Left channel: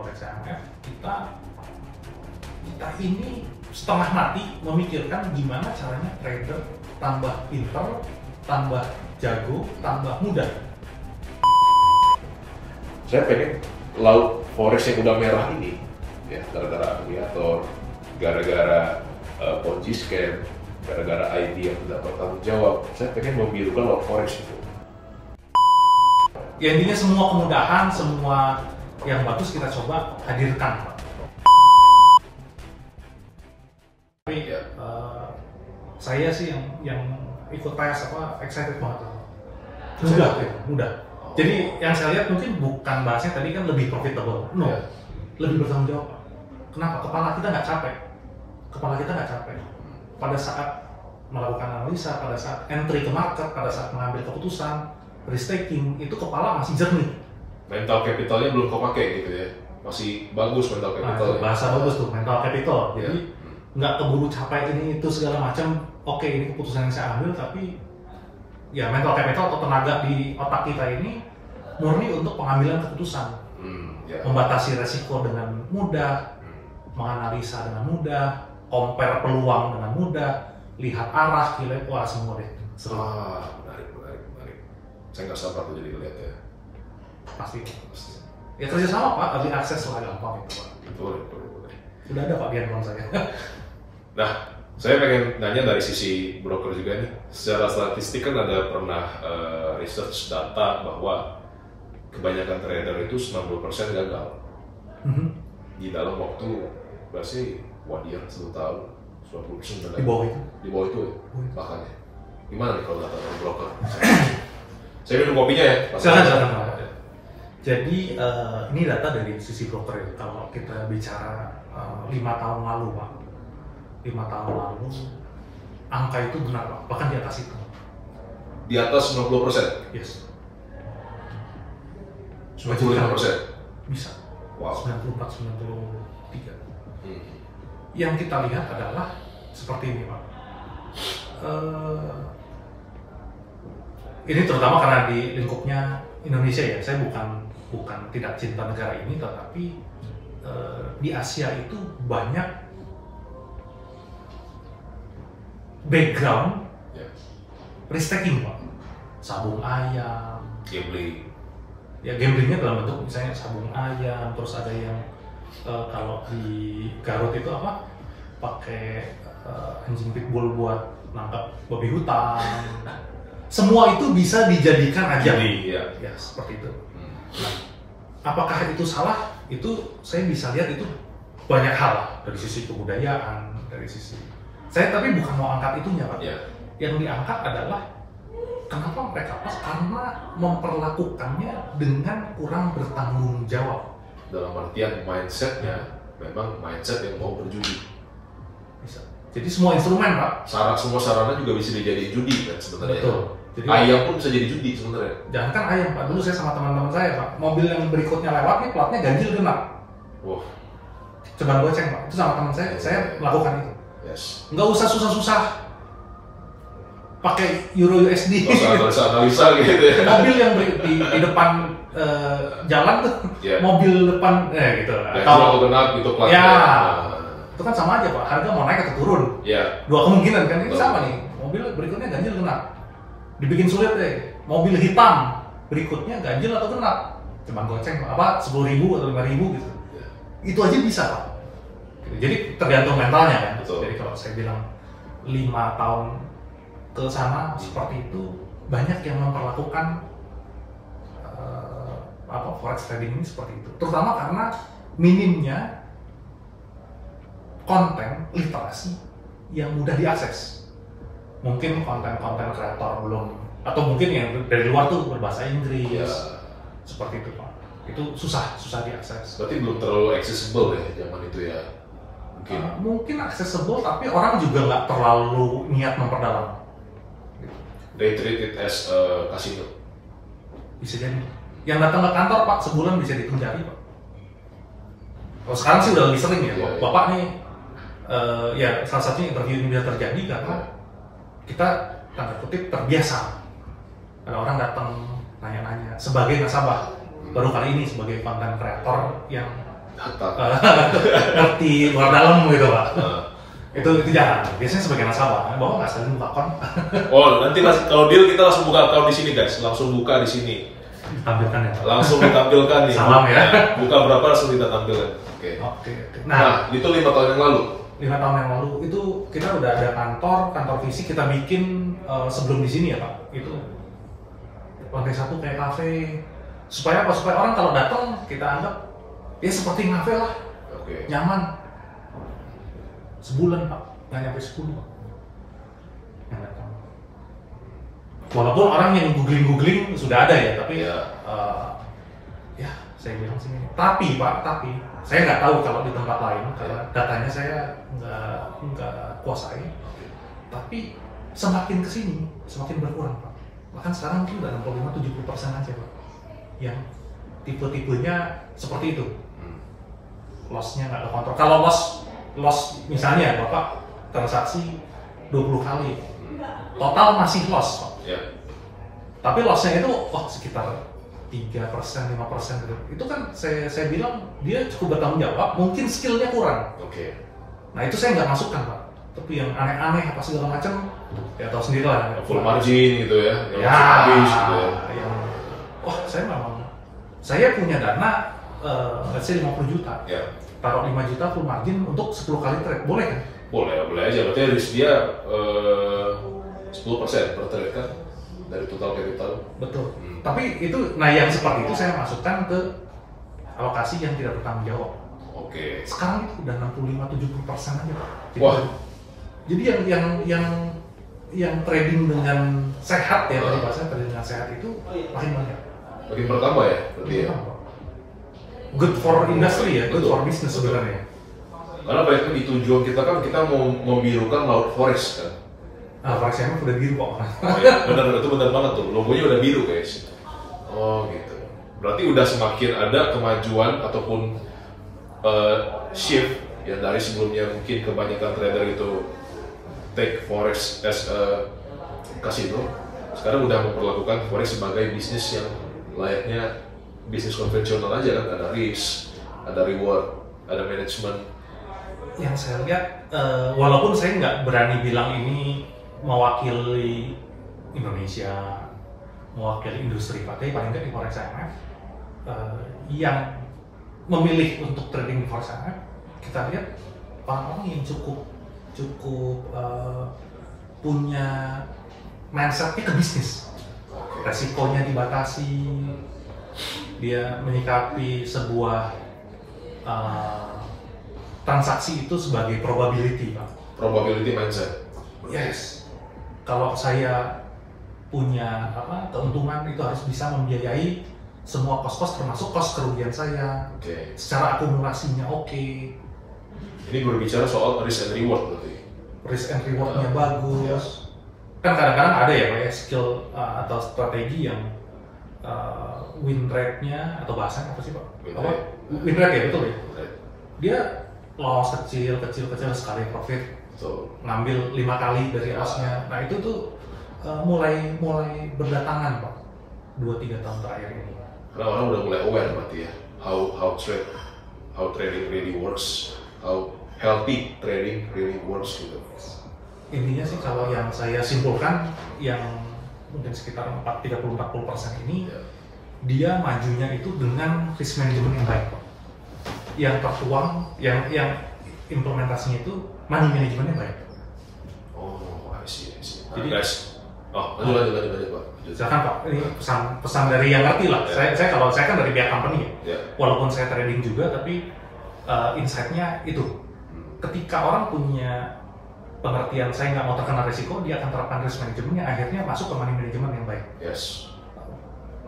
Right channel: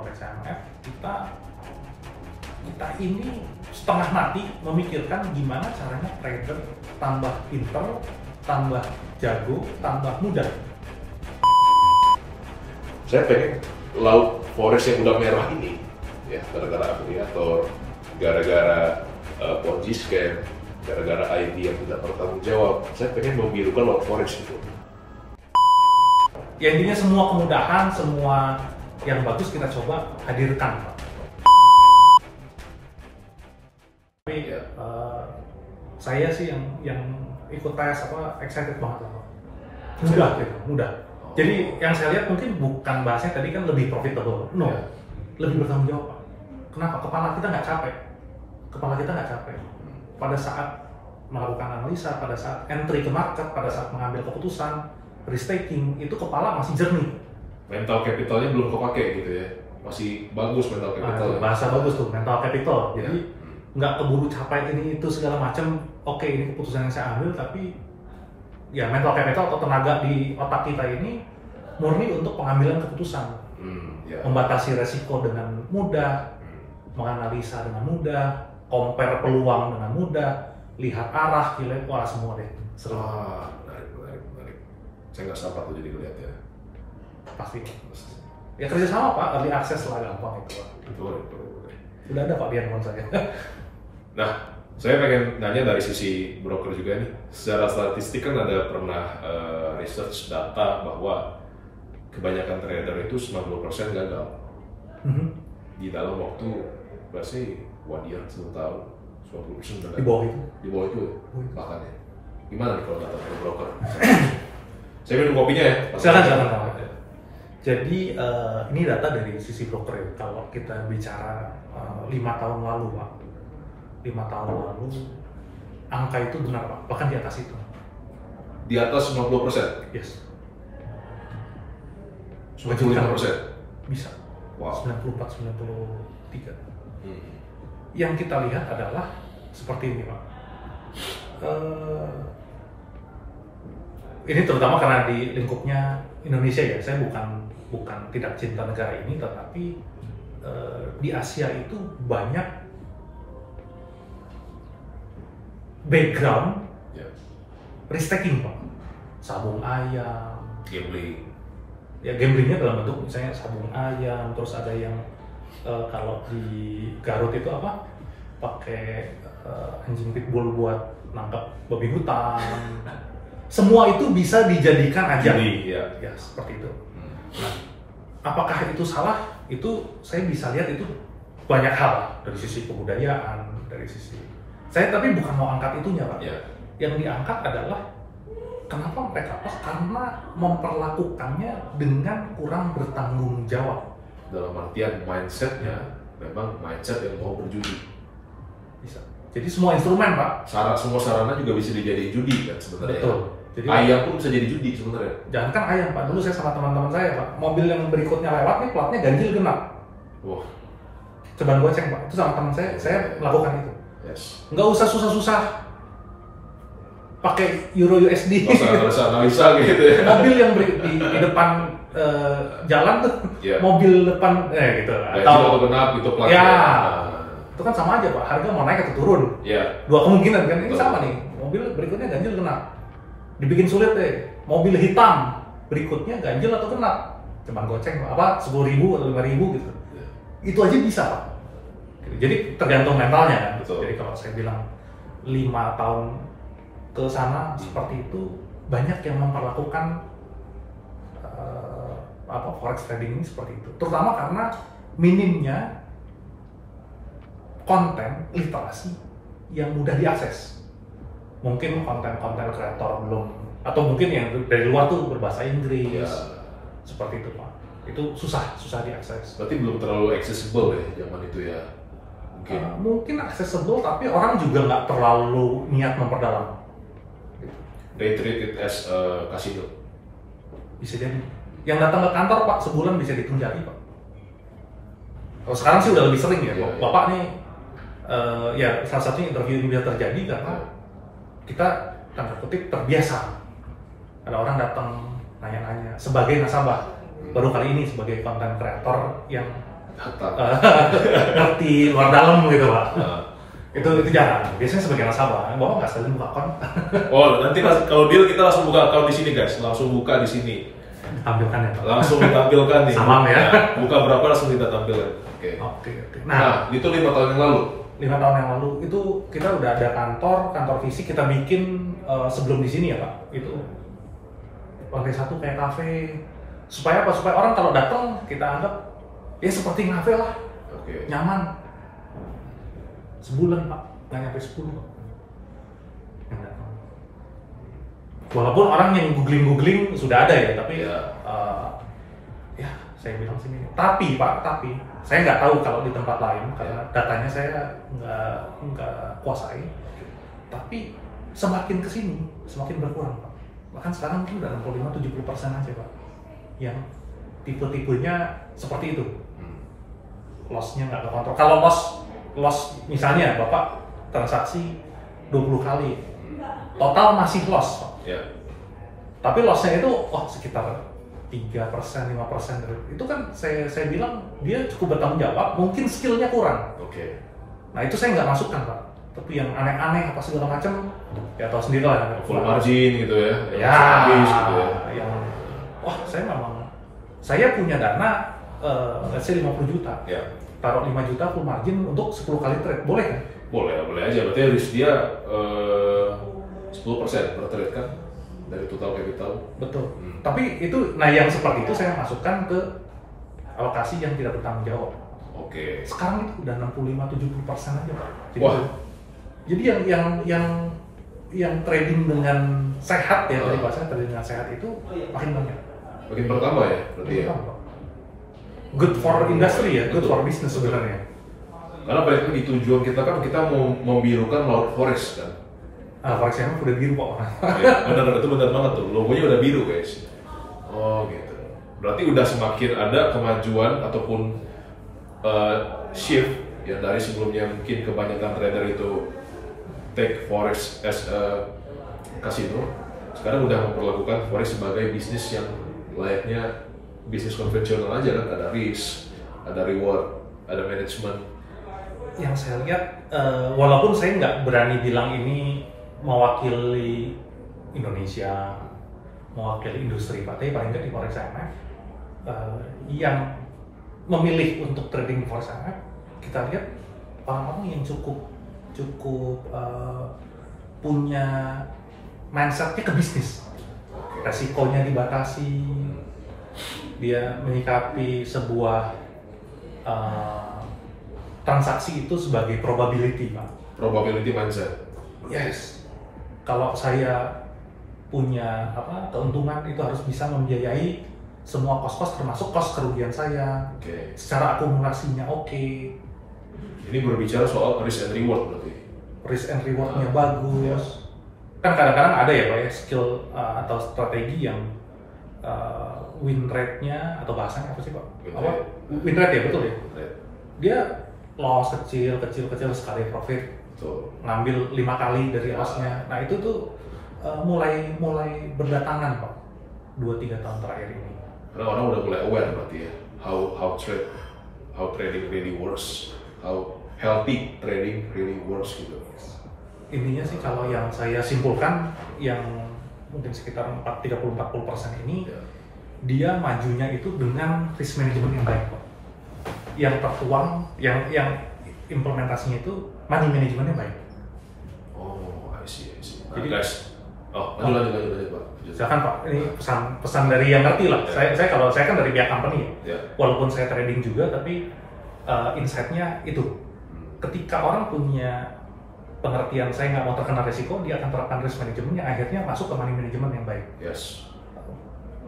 Forex AMF, kita ini setengah mati memikirkan gimana caranya trader tambah pinter, tambah jago, tambah mudah. Saya pengen laut forex yang udah merah ini, ya gara-gara afiliator, gara-gara Ponzi scam, gara-gara ID yang tidak bertanggung jawab. Saya pengen membirukan laut forex itu. Ya intinya semua kemudahan, semua yang bagus kita coba hadirkan, Pak. Tapi saya sih yang ikut tes excited banget, mudah. Jadi yang saya lihat mungkin bukan bahasnya tadi kan lebih profitable, lebih bertanggung jawab. Kenapa? Kepala kita nggak capek. Pada saat melakukan analisa, pada saat entry ke market, pada saat mengambil keputusan, risk taking, itu kepala masih jernih. Mental capitalnya belum kepake gitu ya, masih bagus mental capital. Bahasa bagus tuh, mental capital. Jadi nggak keburu capai ini itu segala macam. Oke, ini keputusan yang saya ambil, tapi ya mental capital atau tenaga di otak kita ini murni untuk pengambilan keputusan, membatasi resiko dengan mudah, menganalisa dengan mudah, compare peluang dengan mudah, lihat arah, wah semua deh. Seru. Menarik. Saya nggak sabar tuh jadi lihat ya. Pasti. Ya kerjasama Pak, early access lah gampang itu Pak. Betul. Sudah ada Pak di handphone saya. Nah, saya pengen nanya dari sisi broker juga nih. Secara statistik kan ada pernah research data bahwa kebanyakan trader itu 90% gagal di dalam waktu berarti 1 tahun, 90% gagal. Di bawah itu? Di bawah itu ya, bahkan ya. Gimana nih kalau data dari broker? Saya minum kopinya ya. Silakan Pak. Jadi ini data dari sisi broker ya. Kalau kita bicara 5 tahun lalu Pak, 5 tahun lalu angka itu benar Pak, bahkan di atas itu. Di atas 90%? Yes. 95%? Bisa. Wow. 94, 93. Yang kita lihat adalah seperti ini Pak. Ini terutama karena di lingkupnya Indonesia ya. Saya bukan tidak cinta negara ini, tetapi di Asia itu banyak background risk taking Pak. Sabung ayam, Gambling. Ya gamblingnya dalam bentuk misalnya sabung ayam, terus ada yang kalau di Garut itu apa? Pakai anjing pitbull buat nangkap babi hutan. Semua itu bisa dijadikan ajang. Ya seperti itu. Nah, apakah itu salah? Itu saya bisa lihat itu banyak hal dari sisi kebudayaan, dari sisi. Saya tapi bukan mau angkat itunya Pak. Yang diangkat adalah kenapa mereka pas? Karena memperlakukannya dengan kurang bertanggung jawab. Dalam artian mindsetnya memang mindset yang mau berjudi. Bisa. Jadi semua instrumen Pak. Semua sarana juga bisa dijadiin judi kan sebenarnya. Betul. Jadi, ayam pun bisa jadi judi sebenarnya. Jangan kan ayam Pak. Dulu saya sama teman-teman saya Pak, mobil yang berikutnya lewat nih platnya ganjil genap. Wah. Ceban goceng Pak. Itu sama teman saya melakukan itu. Yes. Nggak usah susah-susah pakai Euro USD. Analisa gitu ya. Mobil yang di depan jalan tuh, mobil depan gitu. Atau genap gitu platnya. Ya, itu kan sama aja Pak. Harga mau naik atau turun. Dua kemungkinan kan ini sama nih. Mobil berikutnya ganjil genap. Dibikin sulit deh. Mobil hitam berikutnya ganjil atau genap. Cuman goceng apa 10.000 atau 5.000 gitu. Itu aja bisa Pak. Jadi tergantung mentalnya kan. Jadi kalau saya bilang 5 tahun ke sana seperti itu, banyak yang memperlakukan forex trading ini seperti itu. Terutama karena minimnya konten literasi yang mudah diakses. Mungkin konten-konten kreator belum, atau mungkin yang dari luar tuh berbahasa Inggris, seperti itu Pak. Itu susah diakses. Berarti belum terlalu accessible ya zaman itu ya? Mungkin accessible, tapi orang juga nggak terlalu niat memperdalam. They treat it as a casino. Bisa jadi. Yang datang ke kantor Pak sebulan bisa dihitung jari Pak. Kalau sekarang sih udah lebih sering ya. Bapak nih, ya salah satunya interview ini bisa terjadi karena kita tanda kutip terbiasa. Ada orang datang nanya-nanya sebagai nasabah, baru kali ini sebagai konten kreator yang ngerti luar dalam gitu Pak. Itu jarang. Biasanya sebagai nasabah, Bapak nggak sekalian buka akun. Oh, nanti kalau deal kita langsung buka account di sini guys, langsung buka di sini. Tampilkan ya Pak. Langsung ditampilkan nih. Salam ya. Buka berapa langsung kita tampilkan. Oke. Nah, itu 5 tahun yang lalu. 5 tahun yang lalu itu kita udah ada kantor fisik kita bikin sebelum di sini ya Pak. Itu lantai 1 kayak kafe. Supaya apa? Supaya orang kalau datang kita anggap ya seperti kafe lah. Oke. Nyaman. Sebulan Pak, nggak nyampe 10. Walaupun orang yang googling sudah ada ya, tapi ya saya bilang sini. Tapi Pak, saya nggak tahu kalau di tempat lain karena datanya saya nggak kuasai. Tapi semakin kesini semakin berkurang Pak. Bahkan sekarang mungkin udah 65-70% aja Pak. Yang tipe-tipenya seperti itu. Loss-nya nggak kekontrol. Kalau loss misalnya Bapak transaksi 20 kali, total masih loss Pak. Ya. Tapi loss-nya itu sekitar 3%, 5%. Itu kan saya bilang dia cukup bertanggung jawab, mungkin skillnya kurang. Oke. Nah itu saya nggak masukkan Pak. Tapi yang aneh-aneh apa segala macam, ya tahu sendiri lah. Full margin gitu ya. Ya, habis gitu ya. Yang saya punya dana let's say 50 juta. Ya. Taruh 5 juta full margin untuk 10 kali trade, boleh kan? Boleh aja, berarti risk dia 10% per trade kan dari total capital. Betul. Tapi itu, yang seperti itu saya masukkan ke alokasi yang tidak bertanggung jawab. Oke. Sekarang itu udah 65-70% aja Pak. Wah. Jadi yang trading dengan sehat ya, tadi bahasanya trading dengan sehat itu makin banyak. Makin pertama ya, berarti ya. Good for industry ya, good for business sebenarnya. Karena balik lagi tujuan kita kan kita mau membirukan laut forest kan. Forest yang udah biru Pak. Ya, benar itu benar banget tuh, logonya udah biru guys. Oh gitu. Berarti udah semakin ada kemajuan ataupun shift yang dari sebelumnya mungkin kebanyakan trader itu take forex as a casino, sekarang udah memperlakukan forex sebagai bisnis yang layaknya bisnis konvensional aja kan, ada risk, ada reward, ada manajemen. Yang saya lihat, walaupun saya nggak berani bilang ini mewakili Indonesia, mewakili industri, tapi paling nggak di Forex IMF yang memilih untuk trading Forex IMF, kita lihat orang-orang yang cukup punya mindsetnya ke bisnis, resikonya dibatasi, dia menyikapi sebuah transaksi itu sebagai probability Pak. Probability mindset. Yes. Kalau saya punya keuntungan itu harus bisa membiayai semua kos-kos termasuk kos kerugian saya. Oke. Secara akumulasinya oke. Ini berbicara soal risk and reward berarti. Risk and rewardnya bagus. Kan kadang-kadang ada ya Pak ya skill atau strategi yang win rate-nya atau bahasanya apa sih Pak? Win rate ya, betul ya? Right. Dia loss kecil sekali profit. So, Ngambil 5 kali dari loss-nya. Nah itu tuh mulai berdatangan Pak 2-3 tahun terakhir ini. karena orang udah mulai aware berarti ya how trading really works, how healthy trading really works gitu. Intinya sih kalau yang saya simpulkan yang mungkin sekitar 30-40% ini dia majunya itu dengan risk management yang baik Pak. Yang tertuang, yang implementasinya itu money managementnya baik. Oh, I see. Jadi guys, lanjut Pak. Silakan Pak, ini pesan dari yang ngerti lah. Ya. Saya kan dari pihak company ya. Ya. Walaupun saya trading juga, tapi insight-nya itu. Ketika orang punya pengertian saya nggak mau terkena risiko, dia akan terapkan risk manajemennya, akhirnya masuk ke money management yang baik. Yes.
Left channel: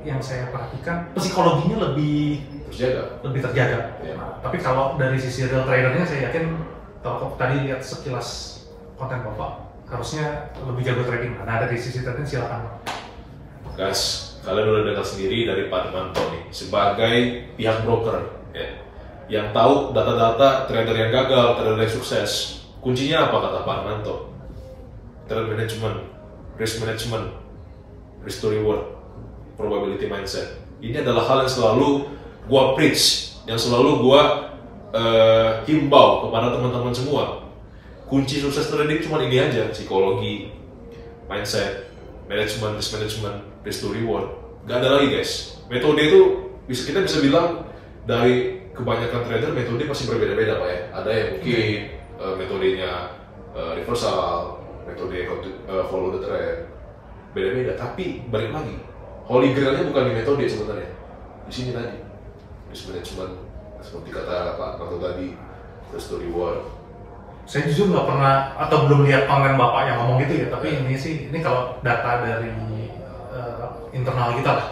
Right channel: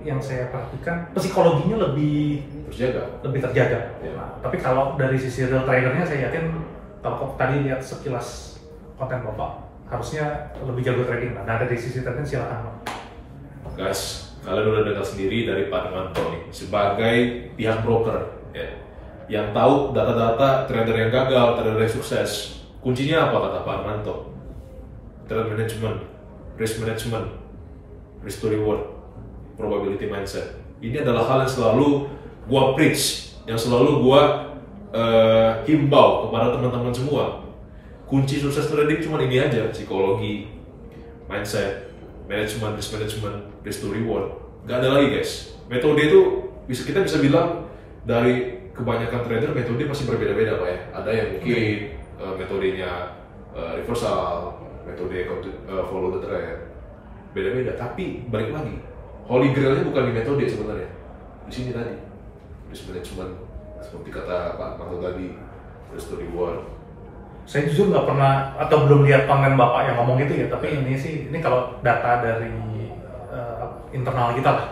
Yang saya perhatikan psikologinya lebih terjaga. Ya. Nah, tapi kalau dari sisi real tradernya saya yakin kalau tadi lihat sekilas konten Bapak harusnya lebih jago trading. Nah dari sisi trading silakan Pak. Guys, kalian udah dengar sendiri dari Pak Demanto nih sebagai pihak broker ya, yang tahu data-data trader yang gagal, trader yang sukses. Kuncinya apa kata Pak Demanto? Trade management, risk to reward, probability mindset. Ini adalah hal yang selalu gua preach, yang selalu gua himbau kepada teman-teman semua, kunci sukses trading cuma ini aja: psikologi, mindset, management, risk management, risk to reward. Gak ada lagi guys. Metode itu kita bisa bilang dari kebanyakan trader metode masih berbeda-beda Pak ya. Ada yang mungkin metodenya reversal, metode follow the trend, beda-beda. Tapi balik lagi, holy grailnya bukan di metode sebenarnya, di sini tadi risk management seperti kata Pak Marto tadi, risk to reward. Saya jujur nggak pernah atau belum lihat konten Bapak yang ngomong gitu ya, tapi ini kalau data dari internal kita lah.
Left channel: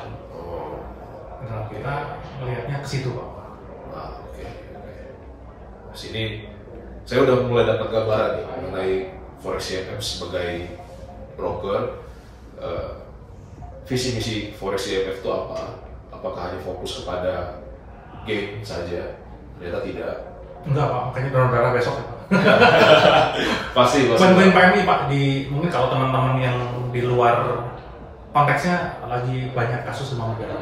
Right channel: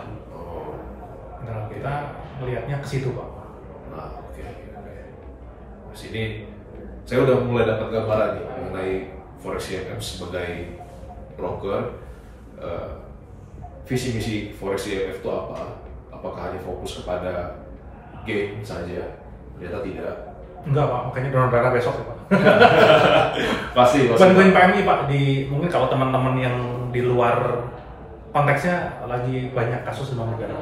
Internal kita melihatnya ke situ Pak. Nah, oke. Sini saya udah mulai dapat gambaran nih mengenai Forex IMF sebagai broker. Visi misi Forex IMF itu apa? Apakah hanya fokus kepada gain saja? Ternyata tidak. Enggak Pak, makanya donor darah besok ya Pak. Pasti. Bukan PMI Pak, mungkin kalau teman-teman yang di luar konteksnya lagi banyak kasus demam berdarah.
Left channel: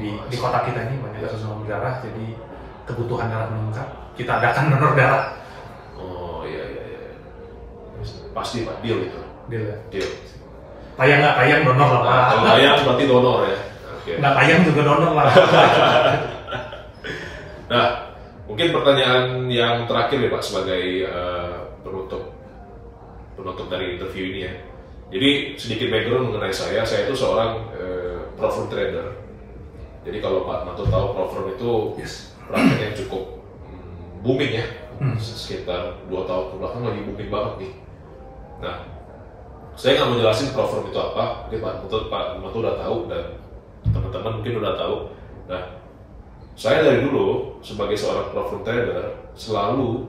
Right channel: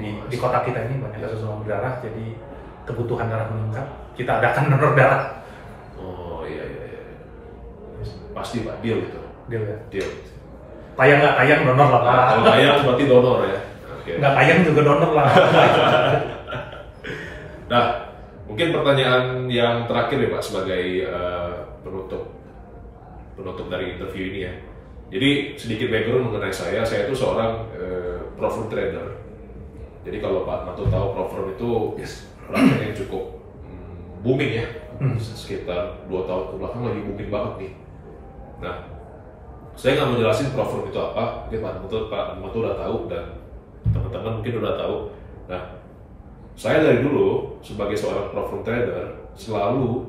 Di kota kita ini banyak kasus demam berdarah, jadi kebutuhan darah meningkat. Kita adakan donor darah. Oh iya. Pasti Pak, deal itu. Deal ya. Deal. Tayang nggak tayang donor lah Pak. Kalau tayang berarti donor ya. Okay. Nggak tayang juga donor lah. Nah, mungkin pertanyaan yang terakhir ya Pak sebagai penutup dari interview ini ya. Jadi sedikit background mengenai saya itu seorang pro-firm trader. Jadi kalau Pak Marto tahu pro-firm itu praktek yang cukup booming ya, sekitar 2 tahun ke belakang lagi booming banget nih. Nah, saya nggak mau jelasin pro-firm itu apa, mungkin Pak Marto udah tahu dan teman-teman mungkin udah tahu. Nah, saya dari dulu sebagai seorang pro-firm trader selalu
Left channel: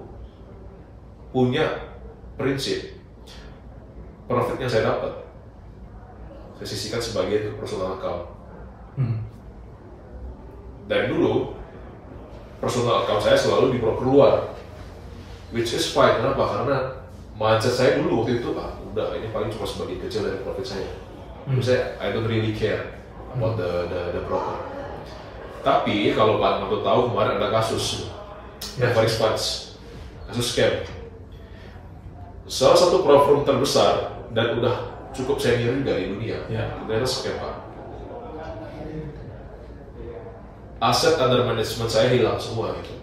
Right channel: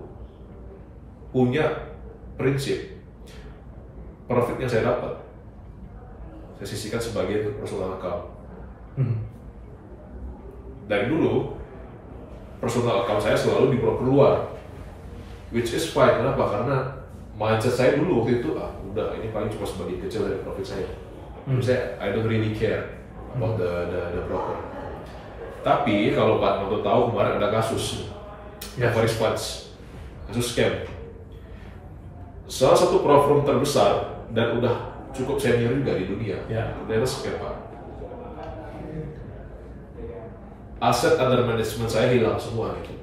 punya prinsip profit yang saya dapat saya sisihkan sebagai personal account. Dari dulu personal account saya selalu di-broker luar, which is fine. Kenapa? Karena mindset saya dulu waktu itu udah ini paling cuma sebagian kecil dari profit saya. Jadi saya I don't really care about the broker. Tapi kalau Pak Marto tahu kemarin ada kasus Forex Funds, kasus scam. Salah satu pro-firm terbesar dan udah cukup senior juga di dunia, ternyata scam Pak. Aset under management saya hilang semua itu.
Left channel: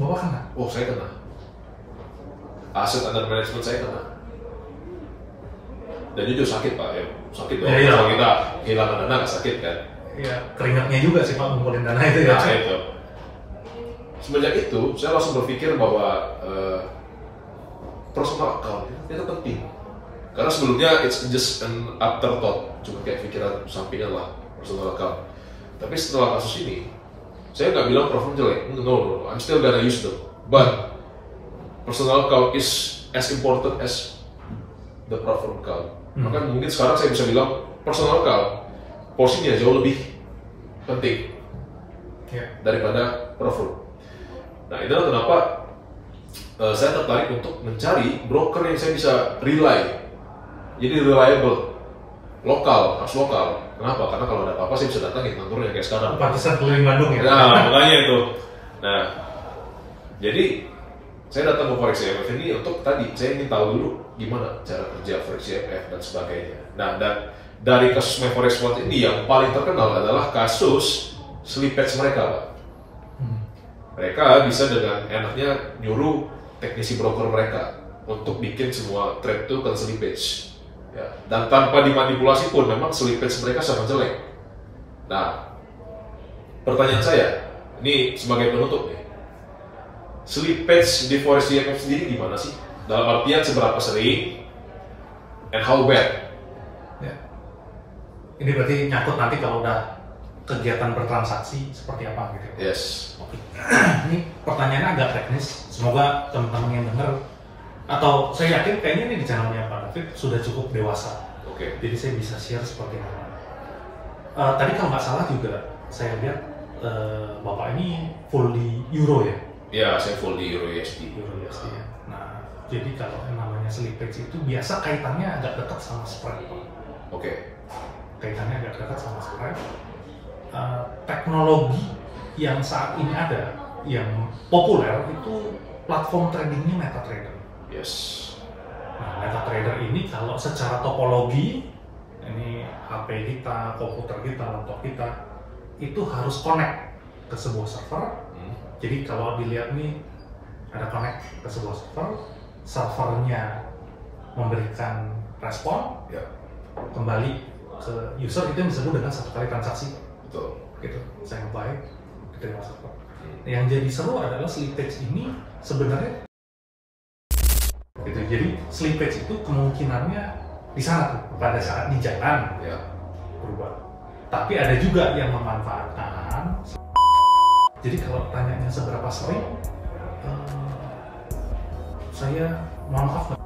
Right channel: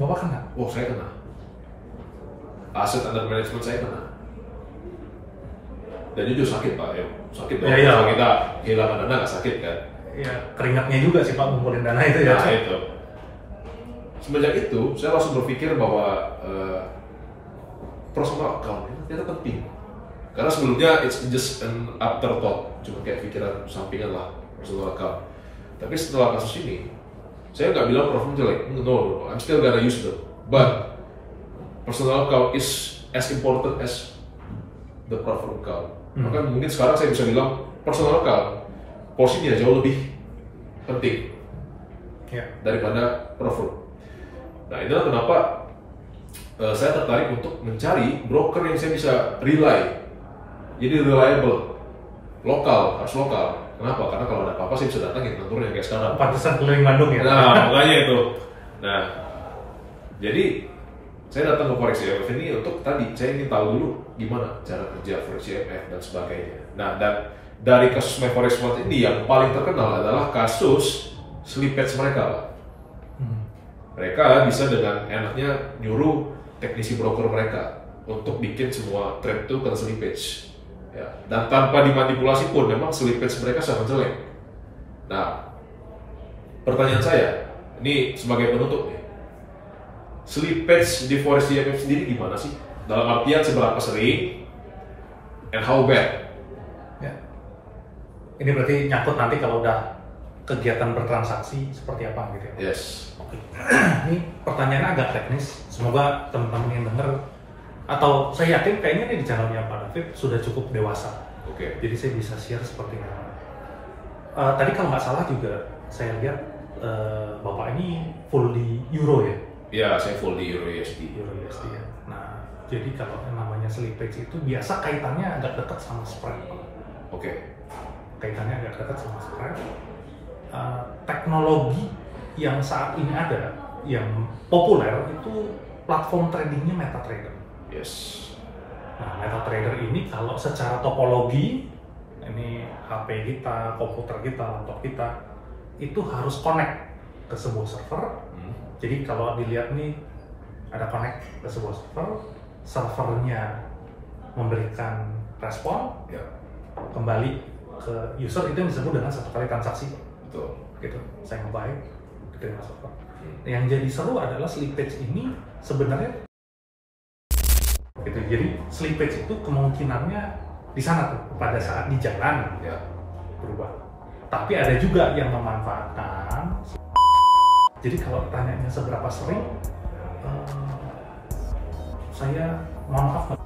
Bapak kena? Oh, saya kena. Aset under management saya kena. Dan itu sakit Pak, ya sakit dong. Kalau kita kehilangan dana nggak sakit kan? Iya, keringatnya juga sih Pak ngumpulin dana itu ya. Nah, itu. Semenjak itu, saya langsung berpikir bahwa personal account itu penting. Karena sebelumnya it's just an afterthought, cuma kayak pikiran sampingan lah personal account. Tapi setelah kasus ini, saya nggak bilang pro-firm jelek, no, I'm still gonna use them. But personal account is as important as the pro-firm account. Maka mungkin sekarang saya bisa bilang personal account porsinya jauh lebih penting daripada pro-firm. Nah, itulah kenapa saya tertarik untuk mencari broker yang saya bisa rely. Jadi reliable, harus lokal. Kenapa? Karena kalau ada apa-apa saya bisa datangin kantornya kayak sekarang. Pantesan keliling Bandung ya. Nah, makanya itu. Nah, jadi saya datang ke Forex IMF ini untuk tadi saya ingin tahu dulu gimana cara kerja Forex IMF dan sebagainya. Nah, dan dari kasus Forex Fund ini yang paling terkenal adalah kasus slippage mereka, Pak. Mereka bisa dengan enaknya nyuruh teknisi broker mereka untuk bikin semua trade itu kena slippage. Ya, dan tanpa dimanipulasi pun memang slippage mereka sangat jelek. Nah, pertanyaan saya, ini sebagai penutup nih, slippage di Forex IMF sendiri gimana sih? Dalam artian seberapa sering and how bad? Ya. Ini berarti nyangkut nanti kalau udah kegiatan bertransaksi seperti apa gitu ya? Yes. Oke. Ini pertanyaannya agak teknis, semoga teman-teman yang dengar atau saya yakin kayaknya ini di channelnya Pak David sudah cukup dewasa. Oke. Jadi saya bisa share seperti ini. Tadi kalau nggak salah juga saya lihat Bapak ini full di Euro ya? Ya, saya full di Euro USD. Euro USD ya. Nah, jadi kalau yang namanya slippage itu biasa kaitannya agak dekat sama spread. Oke. Kaitannya agak dekat sama spread. Teknologi yang saat ini ada yang populer itu platform tradingnya MetaTrader. Yes. Nah, MetaTrader ini kalau secara topologi, ini HP kita, komputer kita, laptop kita, itu harus connect ke sebuah server. Jadi kalau dilihat nih, ada connect ke sebuah server, servernya memberikan respon, kembali ke user, itu yang disebut dengan satu kali transaksi. Betul. Gitu, saya nge-buy, diterima server. Yang jadi seru adalah slippage ini sebenarnya gitu. Jadi slippage itu kemungkinannya di sana tuh pada saat di jalan berubah. Tapi ada juga yang memanfaatkan. Jadi kalau tanyanya seberapa sering, saya mohon maaf